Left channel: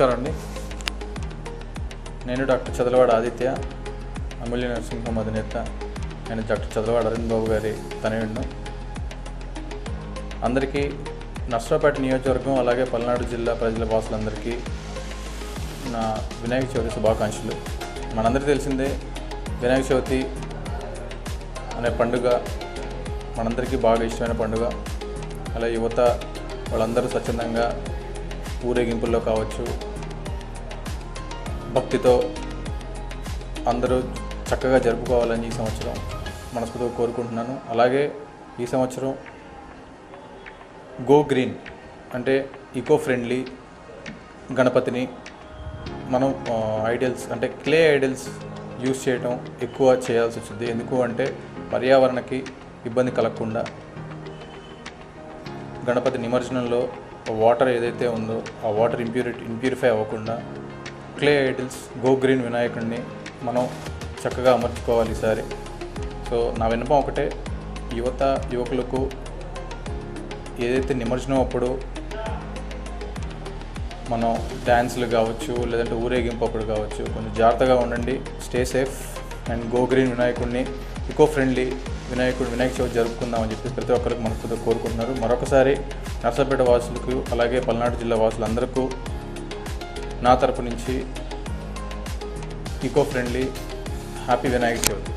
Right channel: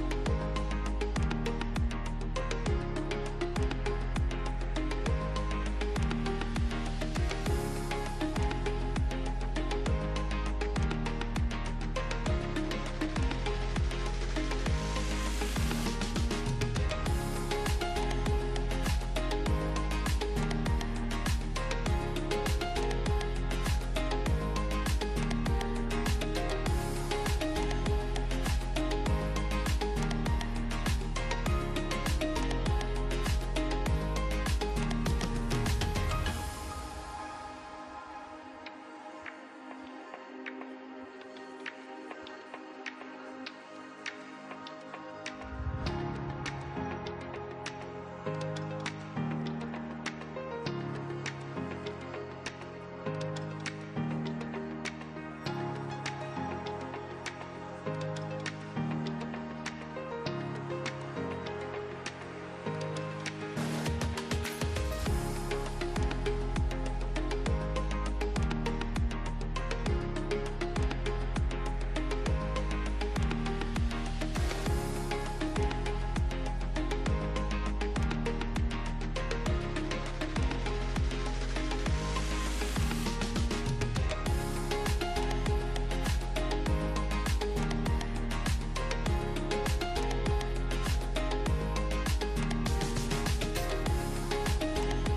నమస్కారం అండి. నేను డాక్టర్ చదలవాడ ఆదిత్య, అమూల్య నర్సింగ్ హోమ్ అధినేత. నేను డాక్టర్ చదలవాడ అరవింద్ బాబు గారి తనయుడిని. అందరికీ నర్సరావుపేట నియోజకవర్గం అలాగే పల్నాడు జిల్లా ప్రజల వాసులందరికీ నా వినాయక చవితి శుభాకాంక్షలు. మనందరికీ తెలిసిందే, వినాయక చవితి అనే పండుగ మనందరికీ బాగా ఇష్టమైన పండుగ. అలా యువత వాళ్ళందరూ స్వచ్ఛందంగా ఊరేగింపుల్లో కావచ్చు, భక్తితో అందరూ చక్కగా జరుపుకోవాలని ఈ సంవత్సరం మనస్ఫూర్తిగా కోరుకుంటున్నాను. అలాగే ఈ సంవత్సరం గో గ్రీన్ అంటే ఈకో ఫ్రెండ్లీ గణపతిని మనం ఐడల్స్ అంటే క్లే ఐడల్స్ యూజ్ చేయడం ఎక్కువ చేయాల్సి వచ్చింది. ఎందుకు అంటే పర్యావరణకి ఇబ్బంది కలగకుండా గణపతి నిమజ్జనంలో వాటర్ ఏదైతే ఉందో ఆ వాటర్ ఇంప్యూరిఫై అవ్వకుండా క్లే ఐడల్స్ గో గ్రీన్ వినాయకుడిని మనం చక్కగా అమర్చుకోవాలి ఈసారి. సో నా విన్నపం ఒకటే, యువకులకు ఏదైతే నిమజ్జనం అప్పుడు మనం డ్యాన్సులు కావచ్చు, లేదంటే ఊరేగింపు అప్పుడు కావచ్చు, కొంచెం జాగ్రత్తగా ఉండండి. Stay safe and go green వినాయకుడిని, ఈకో ఫ్రెండ్లీ వినాయక చవితి జరుపుకుందామని చెప్పి ప్రతి ఒక్కరికి మనస్ఫూర్తిగా కోరుకుంటున్నారు. మరొకసారి నర్సరావుపేట వాసులకు అలాగే పల్నాడు జిల్లా వాసులందరికీ నా తరపు నుంచి eco friendly happy Vinayaka Chavithi.